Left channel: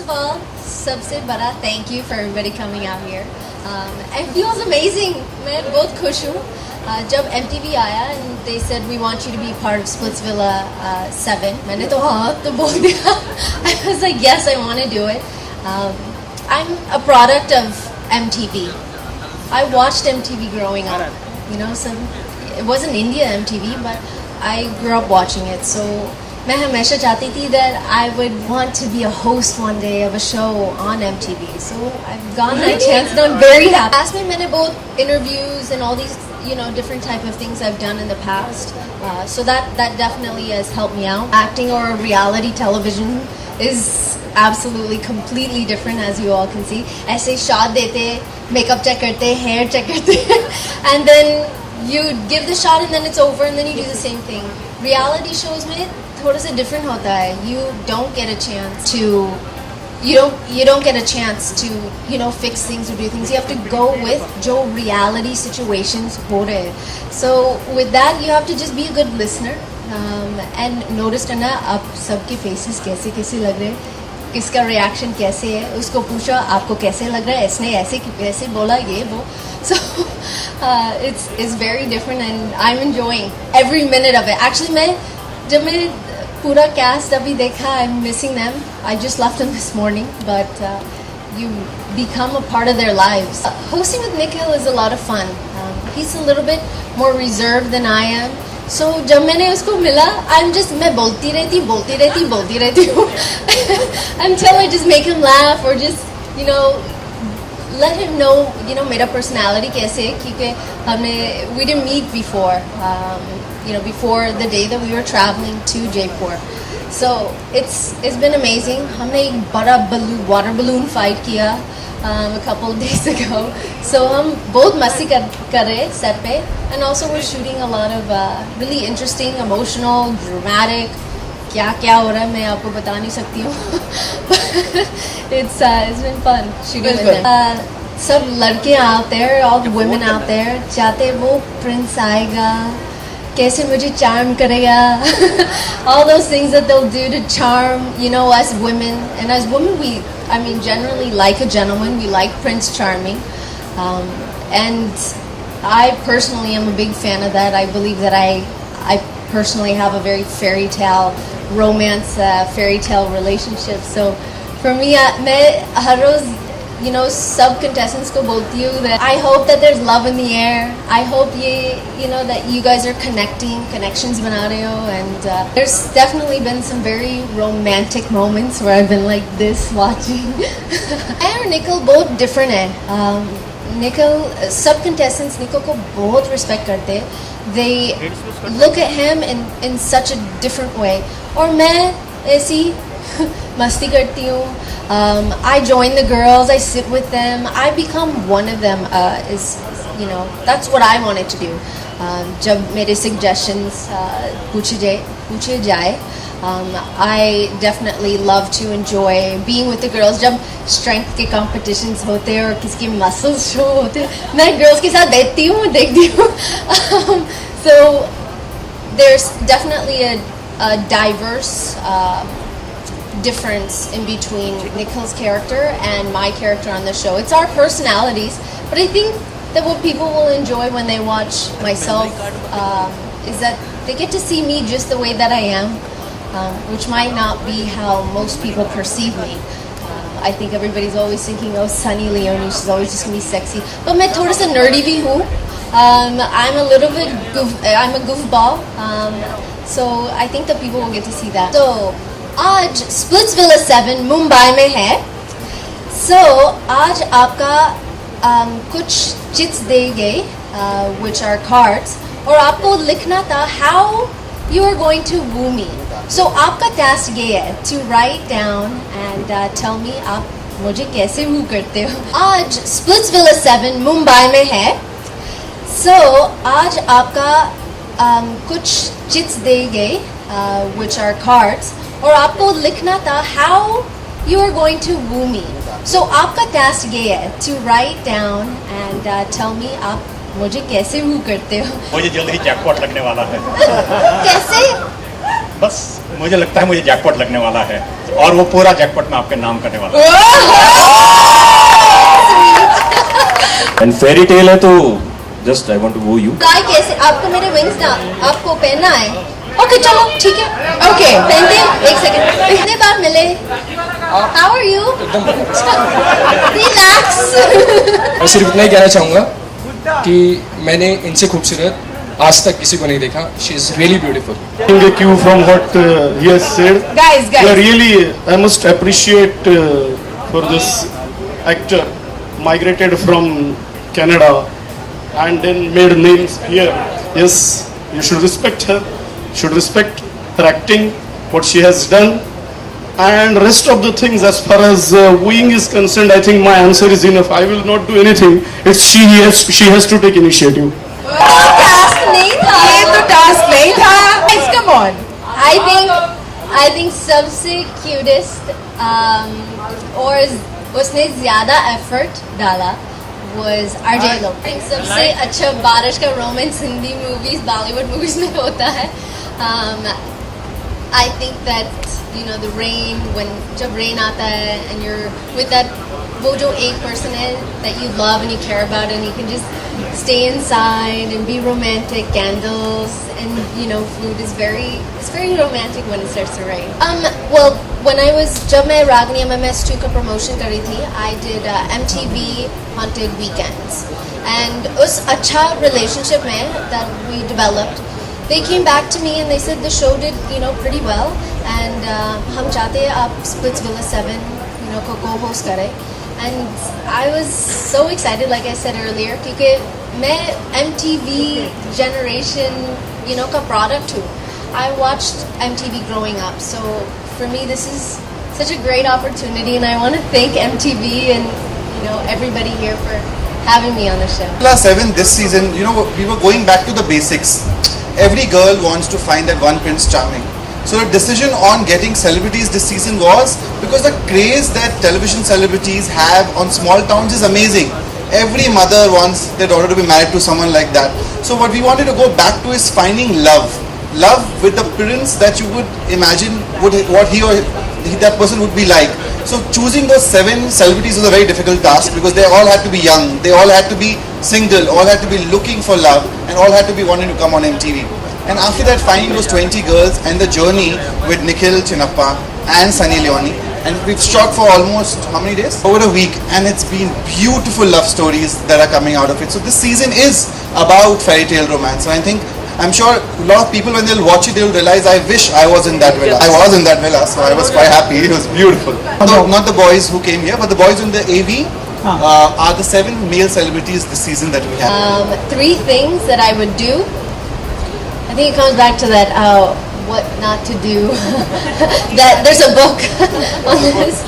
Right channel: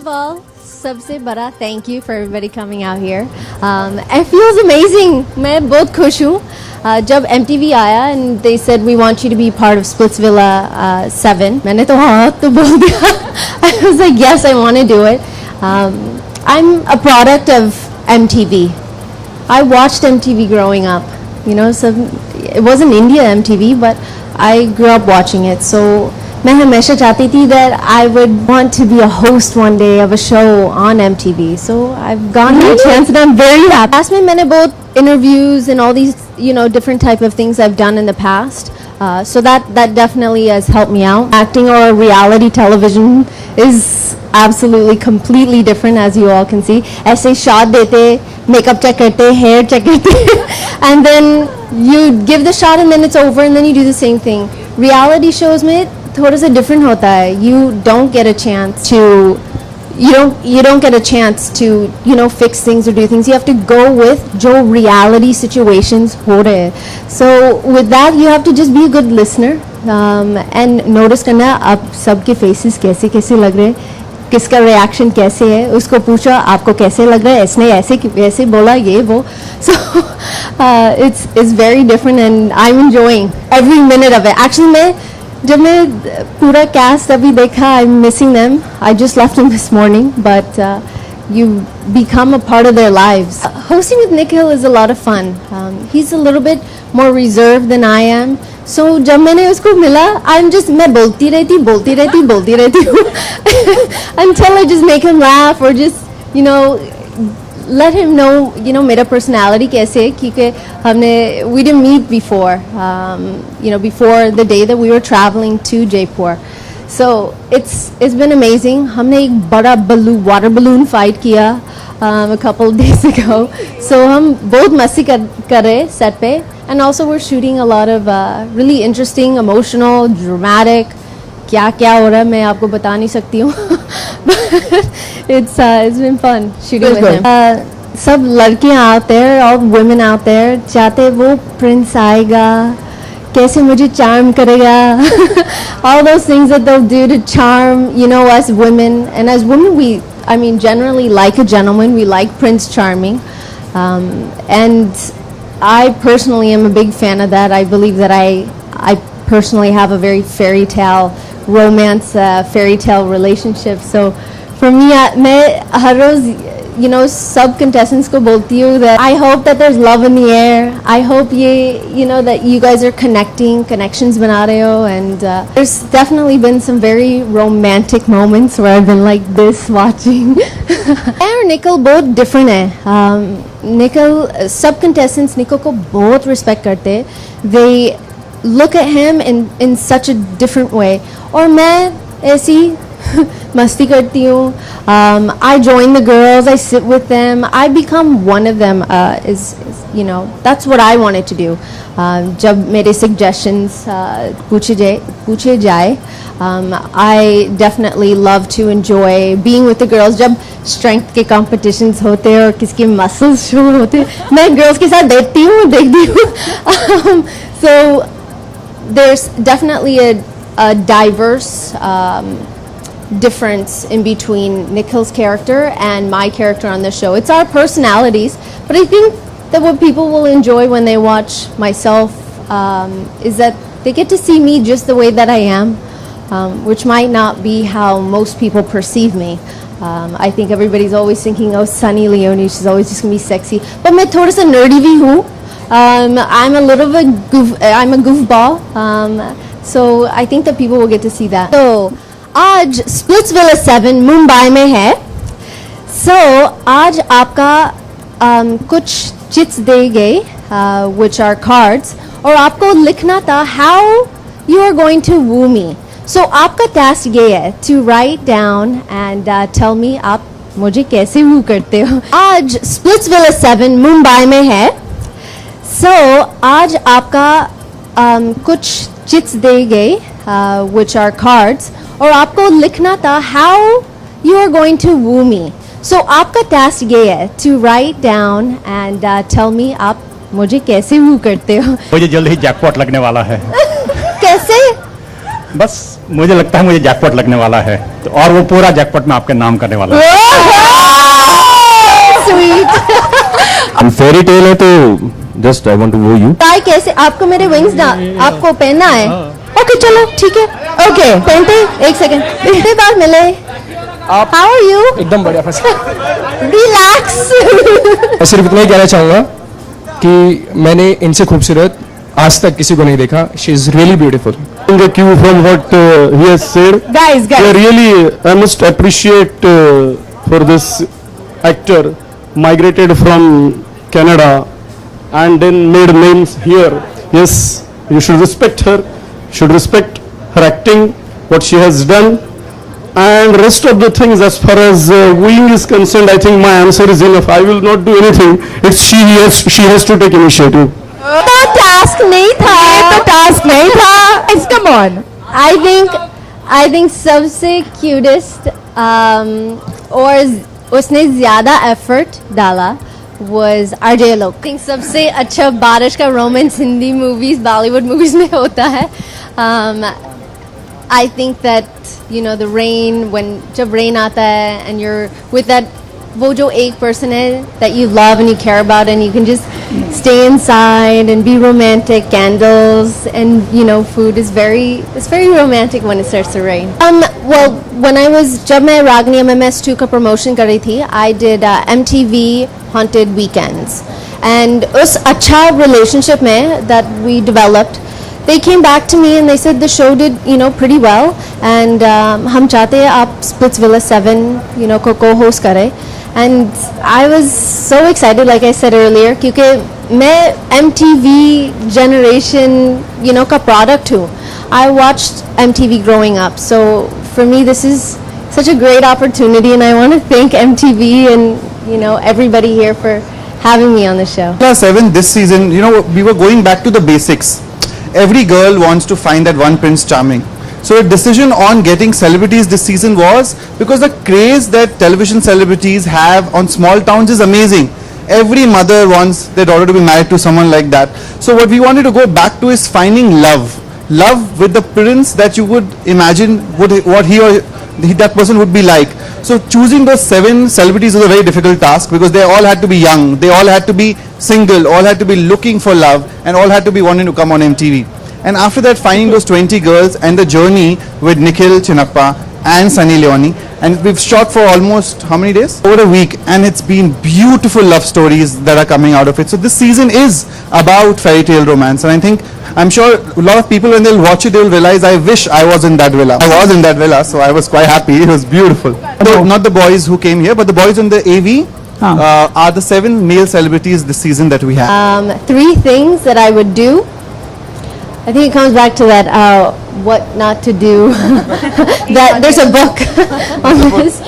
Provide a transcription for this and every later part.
First of all, सबसे बड़ा thank you for everybody coming out here. It feels amazing. मैं बहुत खुश हूँ. जब MTV आया and they said we want you to be part of Splitsvilla 7. मैंने तो हाँ तो बोल दिया. I was like yes, I want to do it. I'm a product of MTV. I watched MTV growing up. You know, so it wasn't India MTV, but I grew up watching it. So मैं हमेशा चाहती थी that I would want to be a host one day of a show on MTV. So I've gotten that chance and I'm very happy. Last में मैंने बहुत interviews and all these, you know, different type of things I've done in the past. So that definitely has helped me out. Acting or reality television is absolutely completely different, as you all can see. ऐसे shot देते, makeup check करते, hair check करते, and then you give the shot and then it's over and then you do the same thing. Reality shows में थोड़ा सा different होता है. You don't get a chance to you don't get a chance to, you know, fix things or do things. You have to go with जो reality situations हो रहे हैं. So with that you have to just be a good listener and notice करना आप सबके faces कैसे कैसे लग रहे हैं, किसका reaction कैसे है, उसको पूछा आपको कैसे लग रहा है, इसने ऐसे बोला ये वो. So it's very different and I'm enjoying every minute of it. Actually जब मैं पूरा cast अभी देखा, I'm missing them. I just left them this morning, but you become a part of their lives. Hosting with Nikhil is a lot of fun. He's a little bit more reserved than I am. So जब मैंने उसको मिला, मैं बोलती रहती हूँ until I just make him laugh or just, you know, let him know, you know, मेरा personality कैसे है, क्योंकि we didn't meet before, you know, before the day that we were traveling to Jaipur. So it's been amazing. हमने एक बड़ा water balloon fight किया a couple of days ago. So हम बहुत मस्ती कर रहे set पे, and also we're shooting a lot of really interesting, emotional, dramatic. क्या हो रहा है मैं आपको बता नहीं सकती हूँ. It's been fun shooting with him. सब लड़कियाँ out there, all women out there चाहते वो prince आएगा, कैसे मुझे charm करेगा. All those things that they'll do to charm, you know, us women. And as women, I mean, generally like a gentleman. We like Prince Charming. And I personally am a big fan of that. I believe that I personally have a very fairy tale romance, fairy tale relationship. So for me, मैं हर रोज, you know, sub contestants को बोलती हूँ that I hope that there's love in the air. I hope you know, that you guys are connections बना रहे हो. And there's definitely been some very romantic moments where I've been like this watching. और Nikhil बहुत different है. Nikhil, sub contestants Nikhil को बहुत respect करते हैं. They look at him in such a different way. और मैं ऐसी मस्ती करती हूँ. I join the girls, I sit with them, I become one of them. Is you know, that's what I wanted to do. जब मेरे suggestions पूछे जाए, I definitely love to enjoy being with the girls. जब strength के competitions होते हैं और किसके muscles show होते हैं, मैं girls के साथ देखती हूँ. So there's definitely a diverse difference in between Nikhil's character and my character on the show. It's our personalities, but I think that what people will enjoy when they watch myself is that they get to see me just the way that I am, which might not be how most people perceive me. I think everybody's always thinking, oh, Sunny Leone, she's always just gonna be sexy. But मैं थोड़ा सा nerdy भी हूँ. I'm a little bit I'm a goofball. So I think that people will get to see that. So आज Splitsvilla 7 Mumbai में है. So आज आपका कुछ चिट्स दे गए, which are cards, और आपको लिखना था how you are going to woo me. So आपका task ये है to write down and tell me आप मुझे कैसे woo करते हो. आज Splitsvilla 7 मुंबई में है. So आज आपका कुछ चिट्स दे गए, which are cards, और आपको लिखना था how you are going to woo me. So आपका task ये है to write down and tell me आप मुझे कैसे woo करते हो. मुझे जल्द ही जैकपॉट लगने वाला है. कैसे? बस मुझे लगता है मुझे जैकपॉट लगने वाला है तो और वो पूरा जैकपॉट मैं आपके नाम करने वाला हूँ। फेरी टेल है तो जस्ट आई वांट टू वो यू। ताई कैसे आपको मेरे विंग्स ना आपको पहनना है? ओके चलो ठीक है, ओके पहनते हैं। एक सेकंड, पहनते बार मिले। How are you? एकदम बढ़िया बस। रिलैक्स। और सिर्फ इतना ही कहना चाहूंगा कि मैंने इनसे खूबसूरत आज तक किसी को नहीं देखा। She is really beautiful. The cue from what he has said. Guys, So really, I must appreciate for this actor migrated from Canada and then made names here. Yes, you should respect her. Should respect her acting, what she has done, and rest of the things as far as wooing is concerned. I think my answer is enough. I will not do anything. It's she has to take initiative. तो task नहीं था, ये तो task नहीं था। It's come on. I think सबसे cutest और उसने ज्यादा एफर्ट डाला was RJ Loke. I think सबसे अच्छा बारिश का romance Hindi movies Bollywood movies में होता है। I think that the rain when जब rain आता है and you're with that वो जो एक person है that you love and you care about and you can just stay inside and be romantic, candles and food is very romantic when it starts to rain. Well when I was जब मैं रागनी MMS2 का promotion कर रही थी I did MTV Haunted Weekends and उस अच्छा relationship में that we developed they came back to me and they said the show did pretty well and हम चाहते हैं आप Splitsvilla 7 को co-host करें and I was so excited like I said earlier क्योंकि मैं MTV generation का product हूँ. I watched MTV growing up so for me this is such a great opportunity and I want to thank MTV and everybody here for having me on the show. Class 7 this season, we were going back to the basics. Every girl wants to find that one Prince Charming. So the decision on getting celebrities this season was because the craze that television celebrities have on small towns is amazing. Every mother wants their daughter to be married to someone like that. So what we wanted to go back to is finding love. Love with the prince that you would imagine what that person would be like. So choosing those 7 celebrities was a very difficult task because they all had to be young, they all had to be single, all had to be looking for love and all had to be wanting to come on MTV. And after that finding those 20 girls and the journey with Nikhil Chinnappa and Sunny Leone and we've shot for almost how many days? Over a week and it's been beautiful love stories that are coming out of it. So this season is about fairy tale romance and I'm sure a lot of people when they'll watch it they'll realize I wish I was in that villa. I was in that villa so I was quite happy. It was beautiful. No, not the boys who came here but the boys in the AV are the 7 male celebrities this season that we have. 3 things that I would do. I think it comes back to that what not to do. That there's a book on this.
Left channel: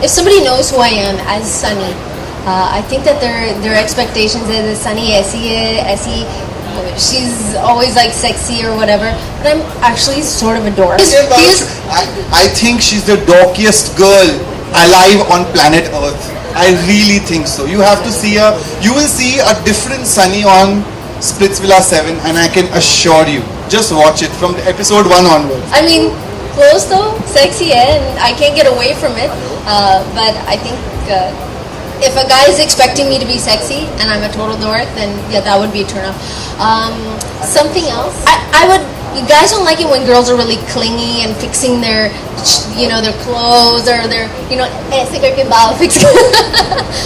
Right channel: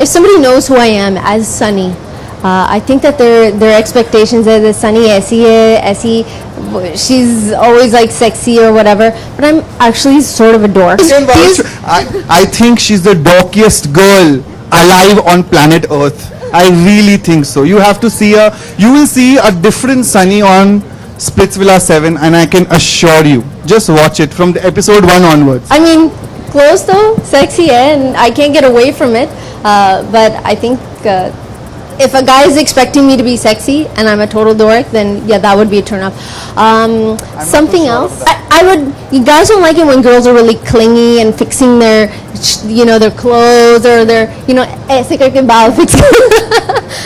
If somebody knows who I am as Sunny, I think that their expectations are that Sunny ऐसी she's always like sexy or whatever, but I'm actually sort of a dork. I think she's the dorkiest girl alive on planet Earth. I really think so. You have to see her. You will see a different Sunny on Splitsvilla 7 and I can assure you, just watch it from the episode 1 onwards. I mean, clothes though, sexy and I can't get away from it. But I think if a guy is expecting me to be sexy and I'm a total dork, then yeah, that would be a turn off. Something else, I would. You guys don't like it when girls are really clingy and fixing their, their clothes or their, ऐसे करके बाल fixing.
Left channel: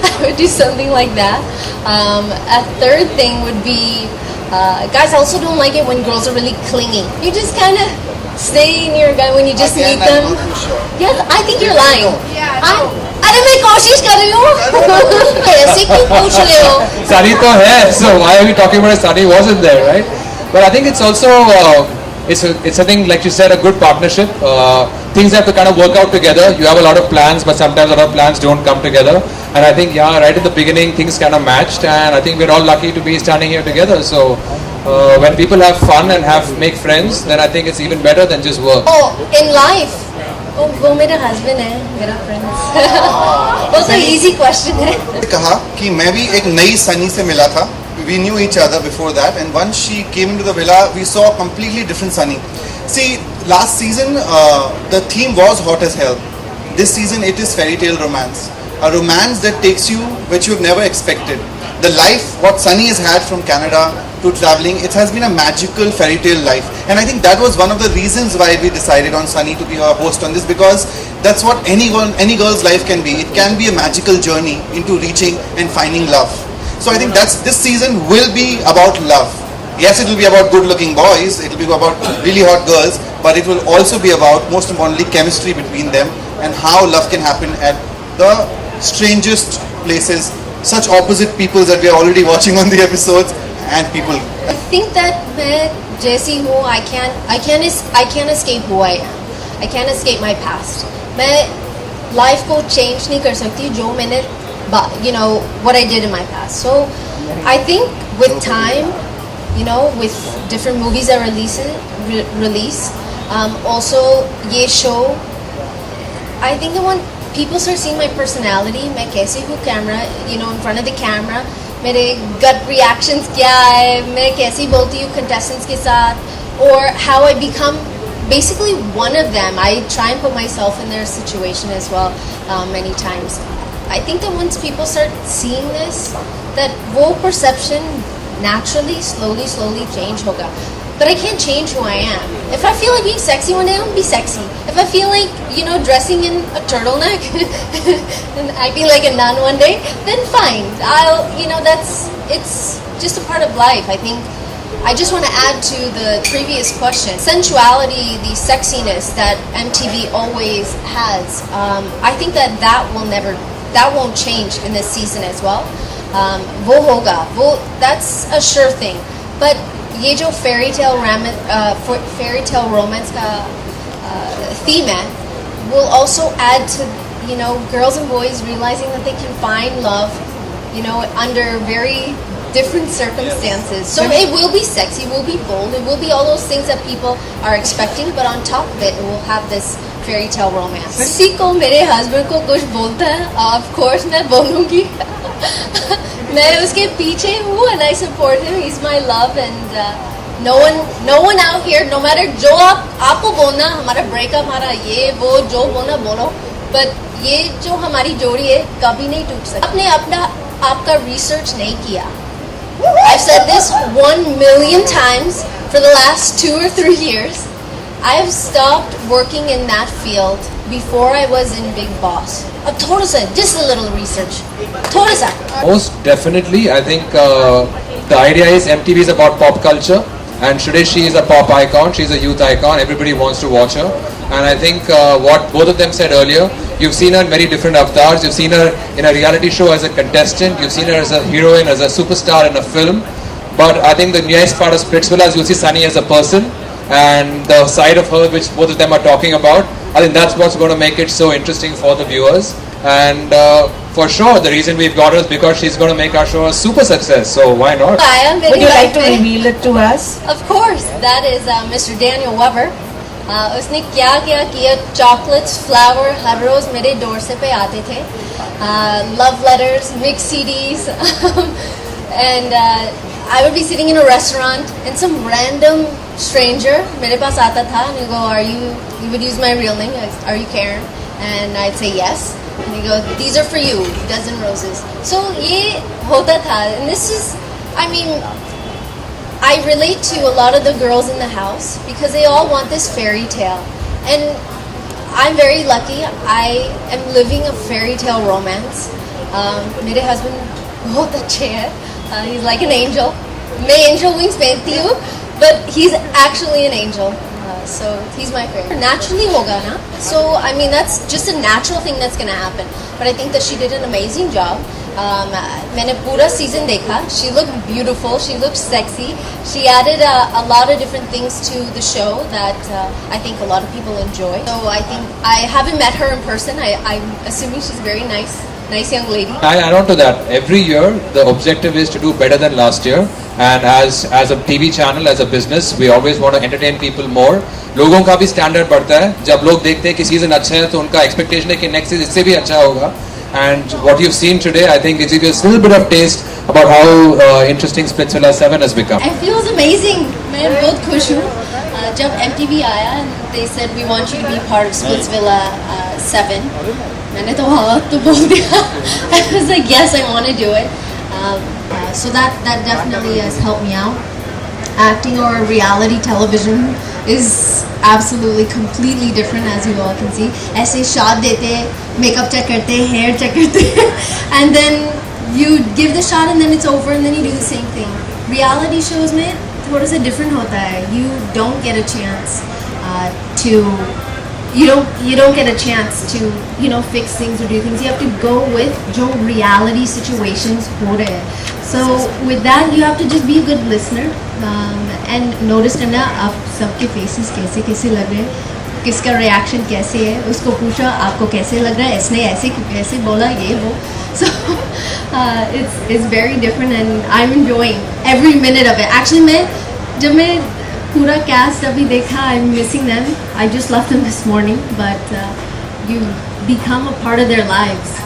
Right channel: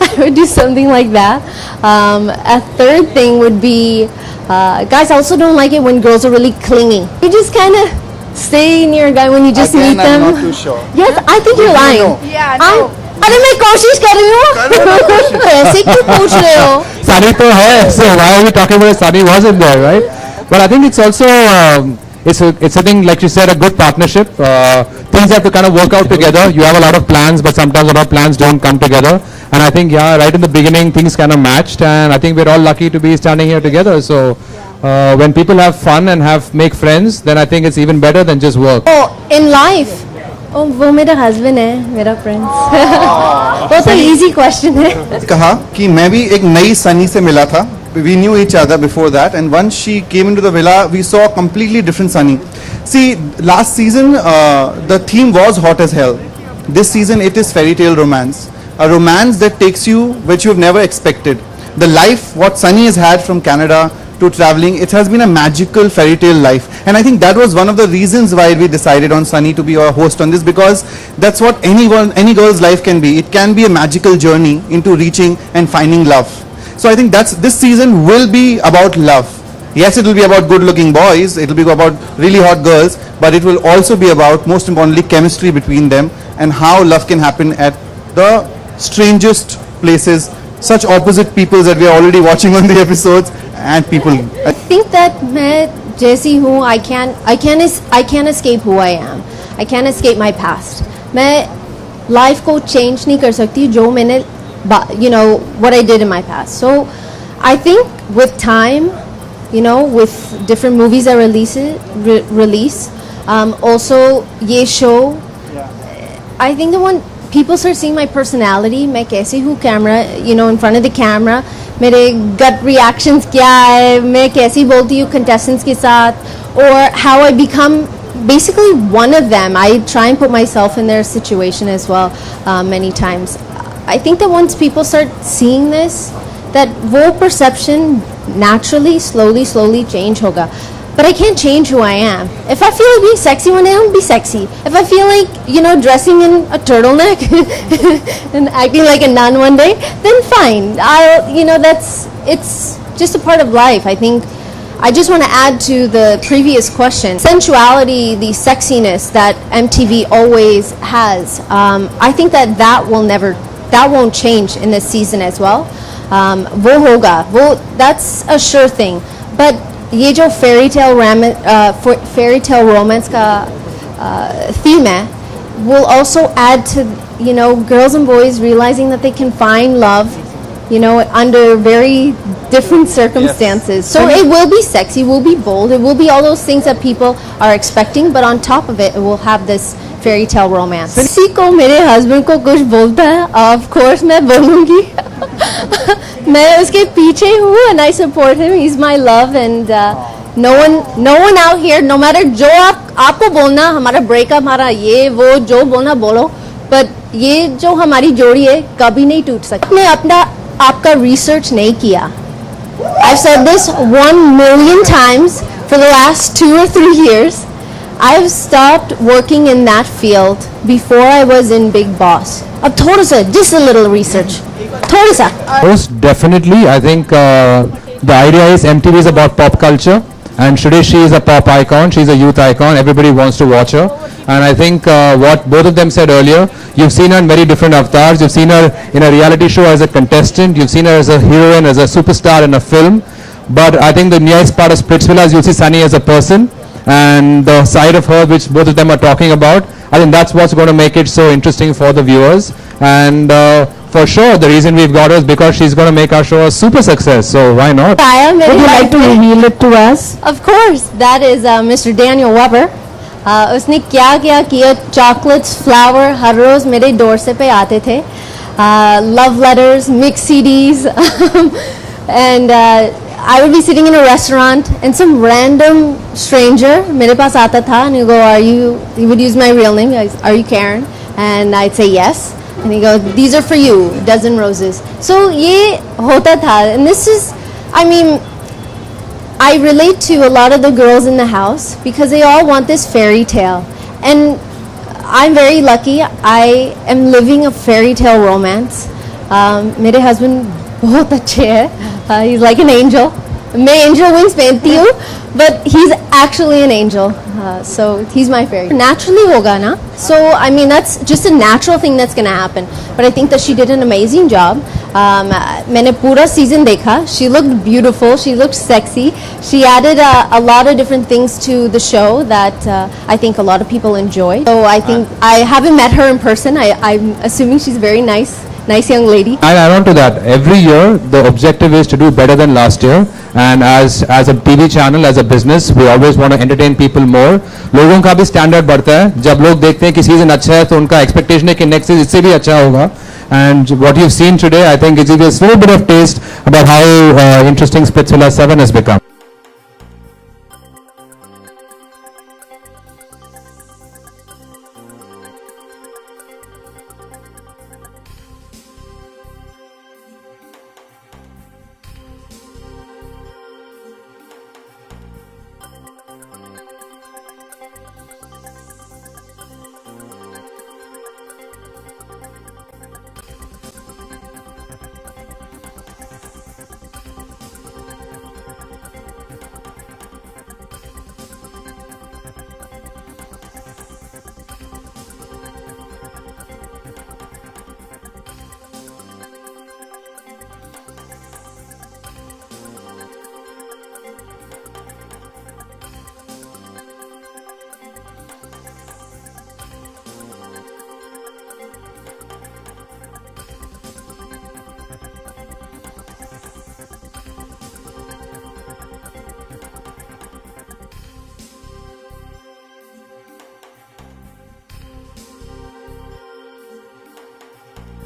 I would do something like that. A third thing would be, guys also don't like it when girls are really clingy. You just kind of stay near a guy when you just meet them. I'm not too sure. Yes, I think you're lying. Yeah, अरे मैं कोशिश कर रही हूँ। ऐसे क्यों पूछ रहे हो? Sunny तो है, so why are we talking about Sunny wasn't there, right? But I think it's also it's a thing like you said, a good partnership. Things have to kind of work out together. You have a lot of plans, but sometimes a lot of plans don't come together. And I think right in the beginning things kind of matched, and I think we're all lucky to be standing here together. So when people have fun and make friends, then I think it's even better than just work. Oh, in life. Oh, वो मेरा husband है, मेरा friend. वो तो easy question है. कहा कि मैं भी एक नई सनी से मिला था. We knew each other before that, and once she came into the villa, we saw a completely different Sunny. See, last season the theme was hot as hell. This season it is fairy tale romance, a romance that takes you which you've never expected. The life what Sunny has had from Canada to traveling, it has been a magical fairy tale life, and I think that was one of the reasons why we decided on Sunny to be our host on this, because that's what any girl's life can be. It can be a magical journey into reaching and finding love. So I think this season will be about love. Yes, it will be about good-looking boys, it will be about really hot girls, but it will also be about, most importantly, chemistry between them and how love can happen at the strangest places, such opposite peoples that we are already watching on the episodes, and people. I think that मैं जैसी हूँ, I can't escape who I am. I can't escape my past. मैं life को change नहीं कर सकती जो मैंने, what I did in my past. So I think with time, with different movies that release, also ये show, I think that when people start seeing my personality, मैं कैसी हूँ camera, in front of the camera, मेरे gut reactions क्या है, मैं कैसी बोलती हूँ contestants के साथ, or how I become basically one of them. I try and put myself in their situation as well many times. I think that once people start seeing this, that वो perception naturally, slowly change होगा. But I can't change who I am. If I feel like being sexy one day, I'll be sexy. If I feel like, dressing in a turtleneck and acting like a nun one day, then fine. It's just a part of life. I think I just want to add to the previous question. Sensuality, the sexiness that MTV always has, I think that won't change in this season as well. वो होगा, that's a sure thing. But ये जो fairy tale romance का theme है, will also add to girls and boys realizing that they can find love under very different circumstances. So it will be sexy, it will be bold, it will be all those things that people are expecting, but on top of it will have this fairy tale romance. किसी को मेरे husband को कुछ बोलता है, of course मैं बोलूँगी. मैं उसके पीछे हूँ and I support him. He's my love, and no one out here, no matter जो आपको बोलना, हमारा breakup, हमारा ये वो जो बोलना बोलो, but ये जो हमारी जोड़ी है कभी नहीं टूट सकती. आपने आपका research नहीं किया. I've said this 1 million times for the last 2 or 3 years. I've stopped working in that field before I was in Big Boss. अब थोड़ा सा, just a little research. थोड़ा सा. Most definitely, I think the idea is MTV is about pop culture, and today she is a pop icon. She's a youth icon. Everybody wants to watch her, and I think what both of them said earlier. You've seen her in very different avatars. You've seen her in a reality show as a contestant. You've seen her as a heroine, as a superstar in a film. But I think the nice part of Splitsvilla is you'll see Sunny as a person, and the side of her which both of them are talking about. I think that's what's going to make it so interesting for the viewers. And for sure, the reason we've got her is because she's going to make our show a super success. So why not? Would you like to reveal it to us? Of course, that is Mr. Daniel Weber. उसने क्या किया, chocolates, flour, हर रोज मेरे doorstep पे आते थे, love letters, mixed CDs, and I would be sitting in a restaurant and some random stranger मेरे पास आता था and he'd go, he would use my real name, are you Karen? And I'd say yes, and he'd go, these are for you, dozen roses. So ये होता था, and this is, I relate to a lot of the girls in the house because they all want this fairy tale, and I'm very lucky. I am living a fairy tale romance. मेरे husband बहुत अच्छे हैं. He's like an angel. मैं angel wings पहनती हूँ, but he's actually an angel. So he's my fairy. Naturally होगा ना. So that's just a natural thing that's gonna happen. But I think that she did an amazing job. मैंने पूरा season देखा. She looked beautiful. She looked sexy. She added a lot of different things to the show that I think a lot of people enjoy. So I think I haven't met her in person. I'm assuming she's very nice young lady. I add on to that. Every year, the objective is to do better than last year. And as a TV channel, as a business, we always want to entertain people more. लोगों का भी standard बढ़ता है. जब लोग देखते हैं कि season अच्छा है, तो उनका expectation है कि next season इससे भी अच्छा होगा. And what you've seen today, I think, is a small bit of taste about how interesting Splitsvilla 7 has become. It feels amazing. मैं बहुत खुश हूँ. जब MTV आया and they said we want you to be part of Splitsvilla 7, मैंने तो हाँ तो बोल दिया. I was like yes, I want to do it. So that definitely has helped me out. Acting or reality television is absolutely completely different, as you all can see. ऐसे shot देते, makeup check करते, hair check करते, and then you give the shot and then it's over and then you do the same thing. Reality shows में थोड़ा सा different होता है. You don't get a chance to you don't get a chance to fix things or do things. You have to go with जो reality situations हो रहे हैं. So with that you have to just be a good listener and notice करना आप सबके faces कैसे कैसे लग रहे हैं, किसका reaction कैसे है, उसको पूछा आपको कैसे लग रहा है, इसने ऐसे कैसे बोला ये वो. So it's very different and I'm enjoying every minute of it. Actually जब मैं पूरा cast अभी देखा, I'm missing them. I just left them this morning, but you become a part of their lives.